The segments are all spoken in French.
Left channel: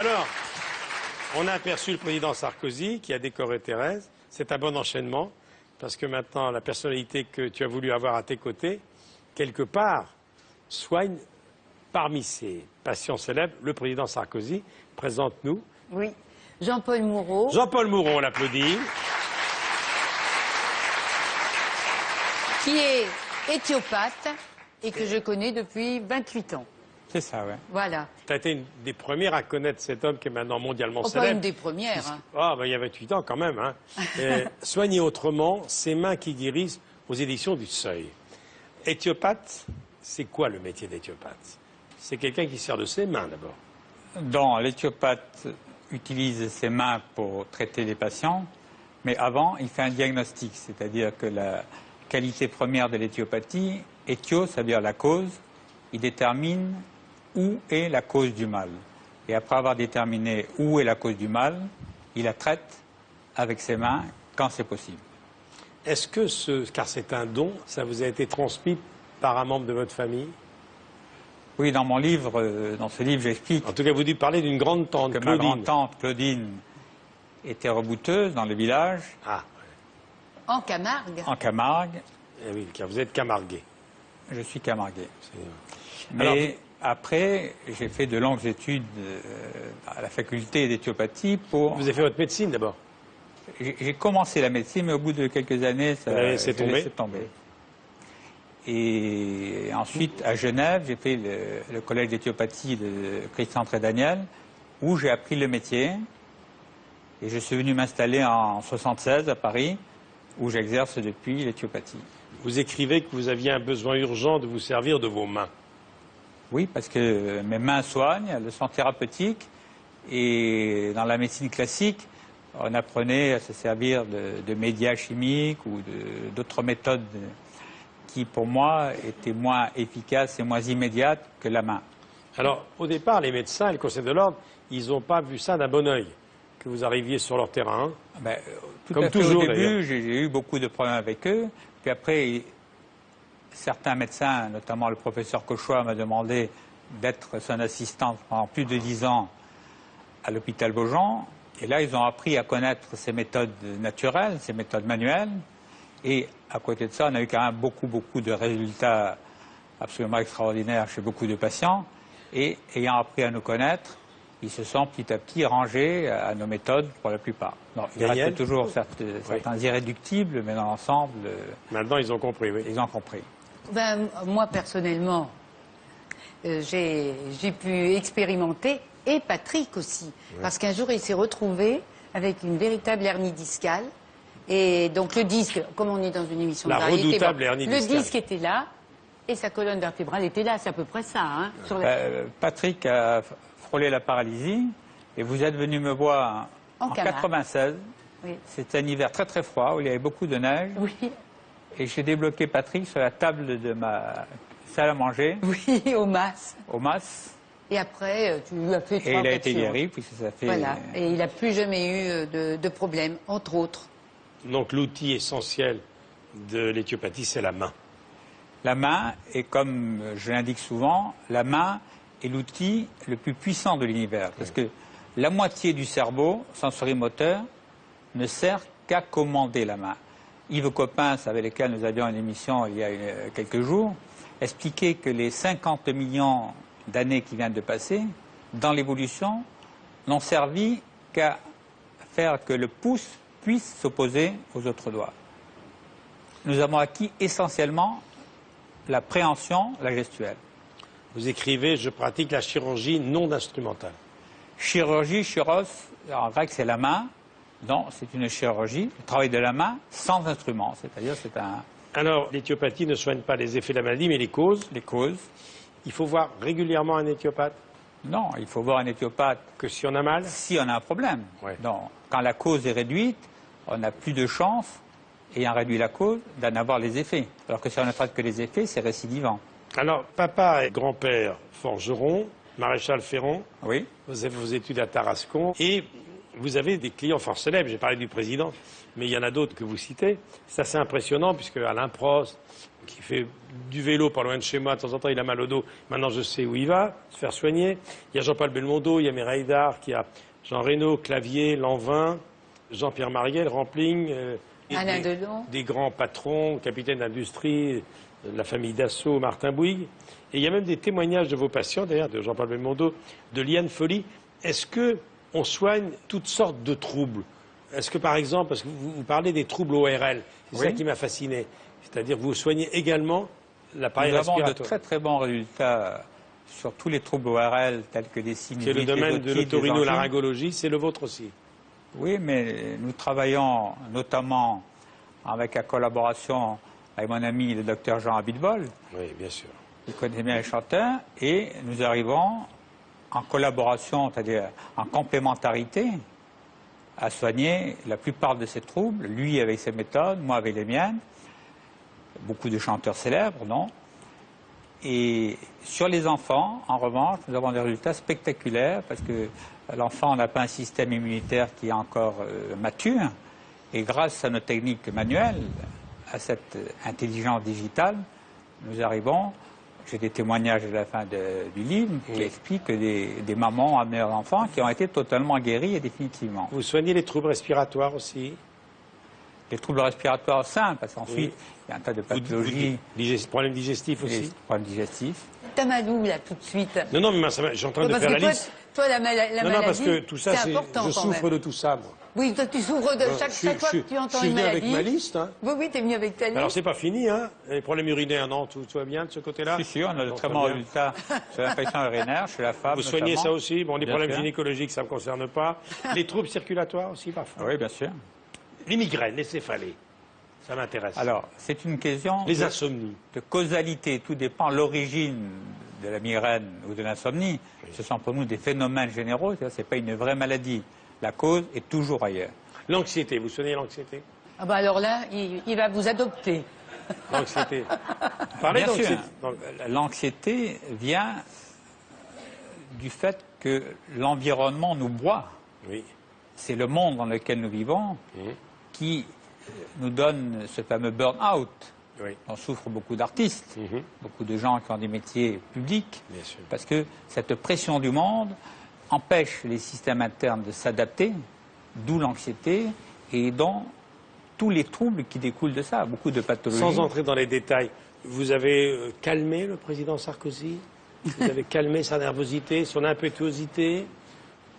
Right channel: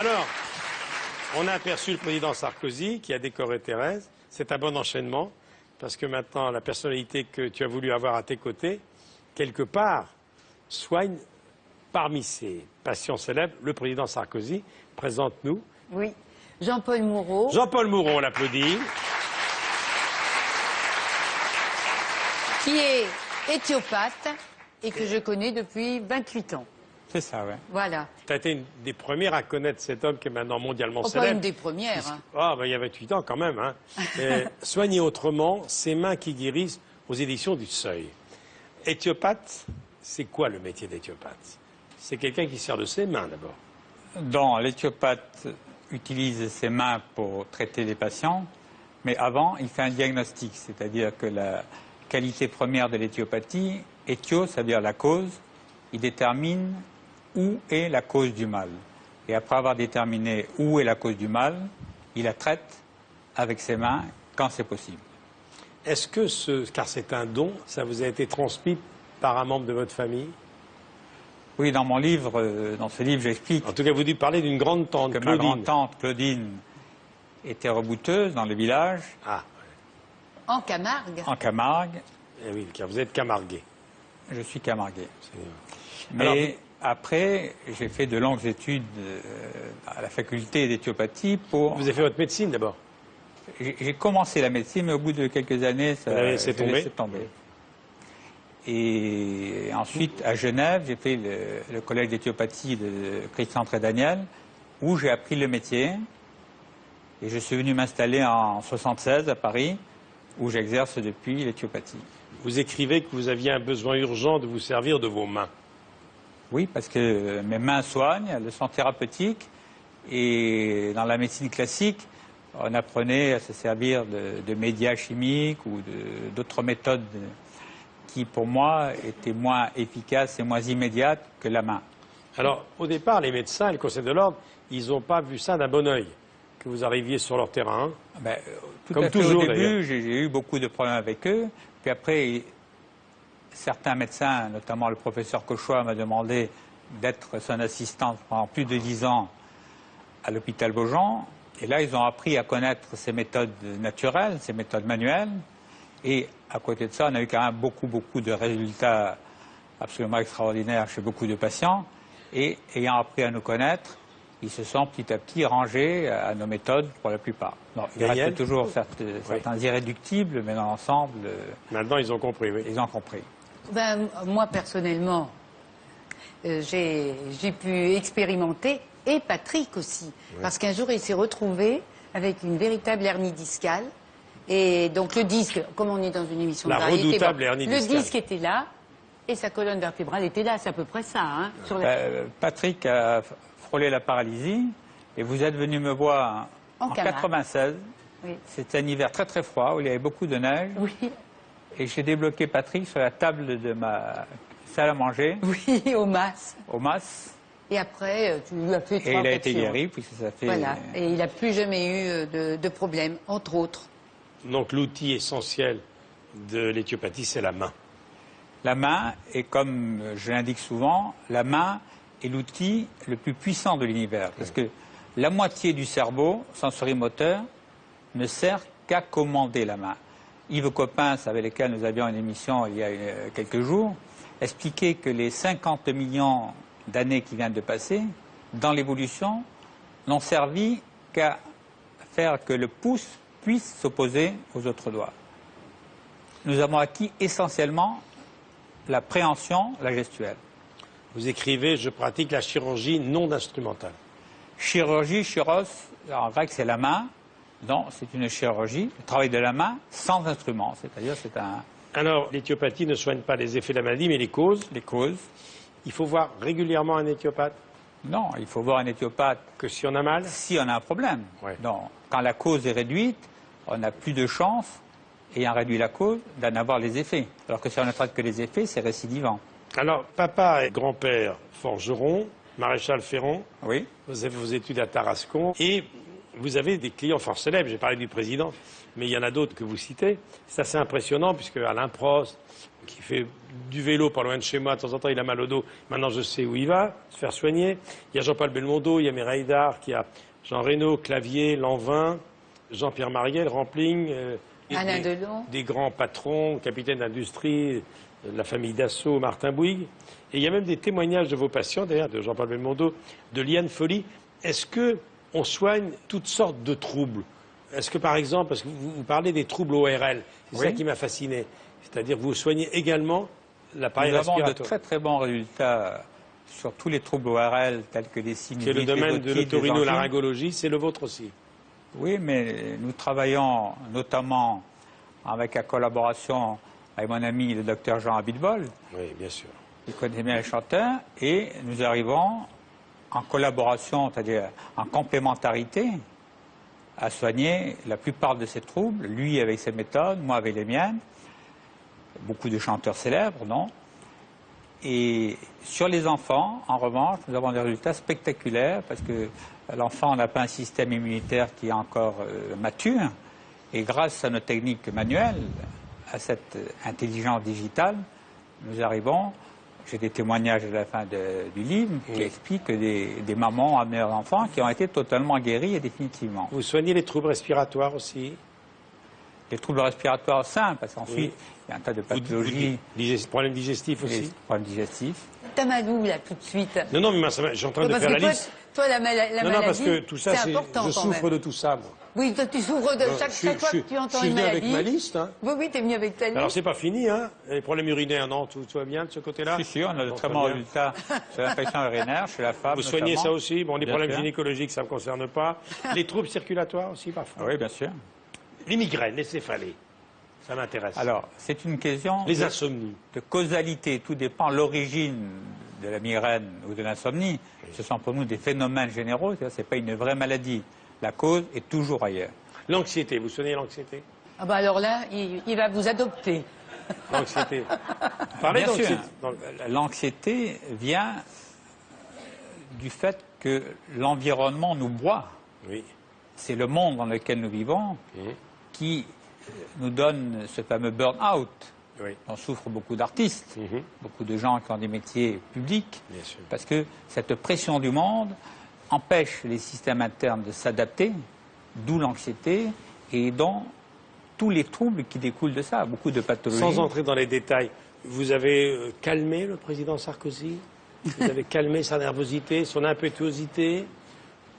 Alors, on a aperçu le président Sarkozy qui a décoré Thérèse. C'est un bon enchaînement, parce que maintenant, la personnalité que tu as voulu avoir à tes côtés, quelque part, soigne parmi ses patients célèbres le président Sarkozy. Présente-nous. Oui, Jean-Paul Moureau. Jean-Paul Moureau, on l'applaudit. Qui est éthiopathe et que je connais depuis 28 ans. C'est ça, oui. Voilà. Tu as été une des premières à connaître cet homme qui est maintenant mondialement célèbre. Pas une des premières. Hein. Ah, ben, il y a 28 ans quand même. Hein. Soigner autrement, ses mains qui guérissent aux éditions du Seuil. Éthiopathe, c'est quoi le métier d'éthiopathe? C'est quelqu'un qui sert de ses mains d'abord. Donc, l'éthiopathe utilise ses mains pour traiter les patients, mais avant, il fait un diagnostic, c'est-à-dire que la qualité première de l'éthiopathie, éthio, ça veut dire la cause, il détermine où est la cause du mal. Et après avoir déterminé où est la cause du mal, il la traite avec ses mains quand c'est possible. Est-ce que car c'est un don, ça vous a été transmis par un membre de votre famille? Oui, dans mon livre, dans ce livre, j'explique. En tout cas, vous dites parler d'une grande tante, que Claudine. ma grand-tante Claudine était rebouteuse dans le village. Ah. En Camargue. En Camargue. Eh oui, car vous êtes camarguais. Je suis camarguais. Mais Alors, après, j'ai fait de longues études à la faculté d'éthiopathie pour... vous avez fait votre médecine d'abord? J'ai commencé la médecine, mais au bout de quelques années, ça s'est tombé. Et ensuite, à Genève, j'ai fait le collège d'éthiopathie de Christian Trédaniel, où j'ai appris le métier. Et je suis venu m'installer en 1976 à Paris, où j'exerce depuis l'éthiopathie. Vous écrivez que vous aviez un besoin urgent de vous servir de vos mains. Oui, parce que mes mains soignent, elles sont thérapeutiques. Et dans la médecine classique, on apprenait à se servir de médias chimiques ou d'autres méthodes qui, pour moi, étaient moins efficaces et moins immédiates que la main. Alors, au départ, les médecins, le Conseil de l'Ordre, ils n'ont pas vu ça d'un bon oeil, que vous arriviez sur leur terrain. Ben, Comme toujours, au début, j'ai eu beaucoup de problèmes avec eux. Puis après, certains médecins, notamment le professeur Cauchois, m'a demandé d'être son assistant pendant plus de 10 ans à l'hôpital Beaujon. Et là, ils ont appris à connaître ces méthodes naturelles, ces méthodes manuelles. Et à côté de ça, on a eu quand même beaucoup de résultats absolument extraordinaires chez beaucoup de patients. Et ayant appris à nous connaître, ils se sont petit à petit rangés à nos méthodes pour la plupart. Bon, il reste toujours certains irréductibles, mais dans l'ensemble... Maintenant, ils ont compris, oui. Ils ont compris. Ben, moi, personnellement, j'ai pu expérimenter, et Patrick aussi, parce qu'un jour, il s'est retrouvé avec une véritable hernie discale. Et donc, le disque, comme on est dans une émission de variété, redoutable hernie discale. Le disque était là, et sa colonne vertébrale était là, c'est à peu près ça. Hein, Patrick a frôlé la paralysie, et vous êtes venu me voir en 96. Oui. C'était un hiver très très froid, où il y avait beaucoup de neige. Oui. Et j'ai débloqué Patrick sur la table de ma salle à manger. Oui, au MAS. Au MAS. Et après, tu lui as fait 3 Et il a été guéri, puisque ça fait... Voilà, et il n'a plus jamais eu de problème, entre autres. Donc l'outil essentiel de l'éthiopathie, c'est la main. La main, et comme je l'indique souvent, la main est l'outil le plus puissant de l'univers. Parce que la moitié du cerveau sensorimoteur ne sert qu'à commander la main. Yves Coppens, avec lequel nous avions une émission il y a quelques jours, expliquait que les 50 millions d'années qui viennent de passer, dans l'évolution, n'ont servi qu'à faire que le pouce puisse s'opposer aux autres doigts. Nous avons acquis essentiellement la préhension, la gestuelle. Vous écrivez « Je pratique la chirurgie non instrumentale ». Chirurgie, chiros, en grec c'est la main. Donc c'est une chirurgie, le travail de la main sans instrument. C'est-à-dire c'est un... Alors, l'éthiopathie ne soigne pas les effets de la maladie, mais les causes. Les causes. Il faut voir régulièrement un éthiopathe? Non, il faut voir un éthiopathe... Que si on a mal? Si on a un problème. Ouais. Donc, quand la cause est réduite, on n'a plus de chance, ayant réduit la cause, d'en avoir les effets. Alors que si on ne traite que les effets, c'est récidivant. Alors, papa et grand-père forgeron, maréchal Ferrand. Oui. Vous avez vos études à Tarascon. Et vous avez des clients fort célèbres. J'ai parlé du président, mais il y en a d'autres que vous citez. C'est assez impressionnant, puisque Alain Prost, qui fait du vélo pas loin de chez moi, de temps en temps il a mal au dos, maintenant je sais où il va, se faire soigner. Il y a Jean-Paul Belmondo, il y a Mireille d'Arc, il y a Jean Reno, Clavier, Lanvin, Jean-Pierre Mariel, Rampling, Alain Delon. Des grands patrons, capitaines d'industrie, de la famille Dassault, Martin Bouygues. Et il y a même des témoignages de vos patients, d'ailleurs, de Jean-Paul Belmondo, de Liane Folly. Est-ce qu'on soigne toutes sortes de troubles? Est-ce que, par exemple, parce que vous parlez des troubles ORL, c'est ça qui m'a fasciné. C'est-à-dire que vous soignez également l'appareil respiratoire. Nous avons de très très bons résultats sur tous les troubles ORL, tels que les sinusite. C'est le domaine de l'otorhinolaryngologie, c'est le vôtre aussi. Oui, mais nous travaillons notamment avec la collaboration avec mon ami le docteur Jean Abitbol. Oui, bien sûr. Qui connaît bien les chanteurs, et nous arrivons en collaboration, c'est-à-dire en complémentarité, à soigner la plupart de ces troubles, lui avec ses méthodes, moi avec les miennes, beaucoup de chanteurs célèbres, non? Et sur les enfants, en revanche, nous avons des résultats spectaculaires, parce que l'enfant n'a pas un système immunitaire qui est encore mature, et grâce à nos techniques manuelles, à cette intelligence digitale, nous arrivons. J'ai des témoignages à la fin du livre qui expliquent que des mamans ont amené leurs enfants qui ont été totalement guéris et définitivement. Vous soignez les troubles respiratoires aussi? Les troubles respiratoires simples, parce qu'ensuite, il y a un tas de pathologies. Problèmes digestifs aussi? Problèmes digestifs. T'as mal où, là, tout de suite? Non, mais je suis en train de faire la liste. Toi, la maladie, non, parce que tout ça, je souffre de tout ça, moi. Oui, toi, tu souffres de chaque fois que tu entends une maladie. Je suis venu avec ma liste. Hein. Oui, t'es venu avec ta liste. Alors, c'est pas fini, hein. Les problèmes urinaires, non, tout va bien de ce côté-là? Si, si, on a de très bons résultats sur l'infection urinaire, chez la femme. Vous soignez ça aussi? Bon, les problèmes sûr. gynécologiques, ça ne me concerne pas. Les troubles circulatoires aussi, parfois? Oui, bien sûr. Les migraines, les céphalées, ça m'intéresse. Alors, c'est une question les insomnies. De causalité. Tout dépend de l'origine de la migraine ou de l'insomnie. Ce sont pour nous des phénomènes généraux, ce n'est pas une vraie maladie. La cause est toujours ailleurs. L'anxiété, vous soignez l'anxiété? Ah bah alors là, il va vous adopter. L'anxiété. Bien sûr, l'anxiété vient du fait que l'environnement nous broie. Oui. C'est le monde dans lequel nous vivons qui nous donne ce fameux burn-out. Oui. On souffre beaucoup d'artistes, beaucoup de gens qui ont des métiers publics, parce que cette pression du monde empêche les systèmes internes de s'adapter, d'où l'anxiété et donc tous les troubles qui découlent de ça, beaucoup de pathologies. Sans entrer dans les détails, vous avez calmé le président Sarkozy? Vous avez calmé sa nervosité, son impétuosité?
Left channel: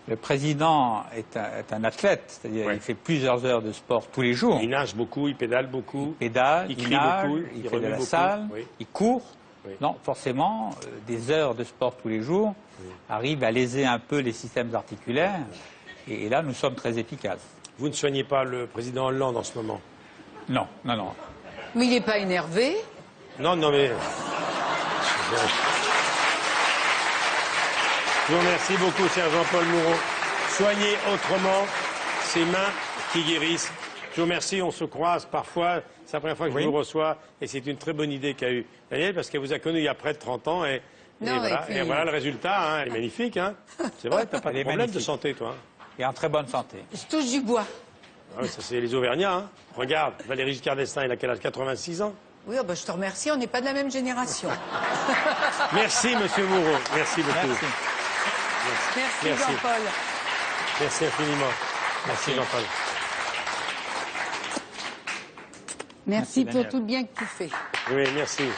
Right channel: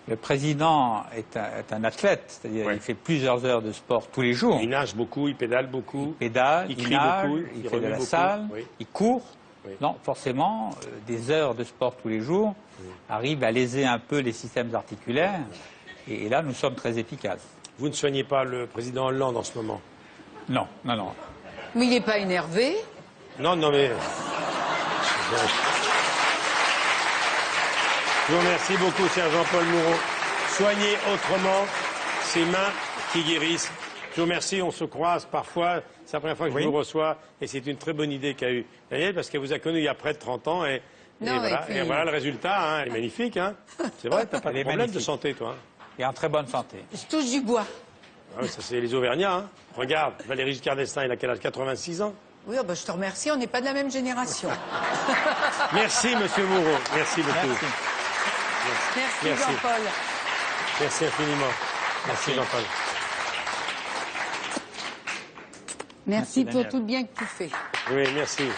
Le président est un athlète, c'est-à-dire il fait plusieurs heures de sport tous les jours. Il nage beaucoup, il pédale beaucoup. Il pédale, il crie nage, beaucoup, il fait de la salle, il court. Non, forcément, des heures de sport tous les jours arrivent à léser un peu les systèmes articulaires. Et là, nous sommes très efficaces. Vous ne soignez pas le président Hollande en ce moment? Non, non, non. Mais il n'est pas énervé? Non, non, mais... Je vous remercie beaucoup, cher Jean-Paul Mouron. Soignez autrement ces mains qui guérissent. Je vous remercie, on se croise parfois. C'est la première fois que je vous reçois et c'est une très bonne idée qu'a eue Daniel parce qu'elle vous a connu il y a près de 30 ans et voilà le résultat, hein, il est magnifique. Hein. C'est vrai, tu n'as pas de problème de santé, toi. Et en très bonne santé. Je touche du bois. Ah oui, ça c'est les Auvergnats. Hein. Regarde, Valéry Giscard d'Estaing, il a quel âge? 86 ans. Oui, oh bah, je te remercie, on n'est pas de la même génération. Merci, monsieur Mouron. Merci beaucoup. Merci. Jean-Paul. Merci infiniment. Merci Jean-Paul. Merci pour tout le bien que tu fais. Oui, merci.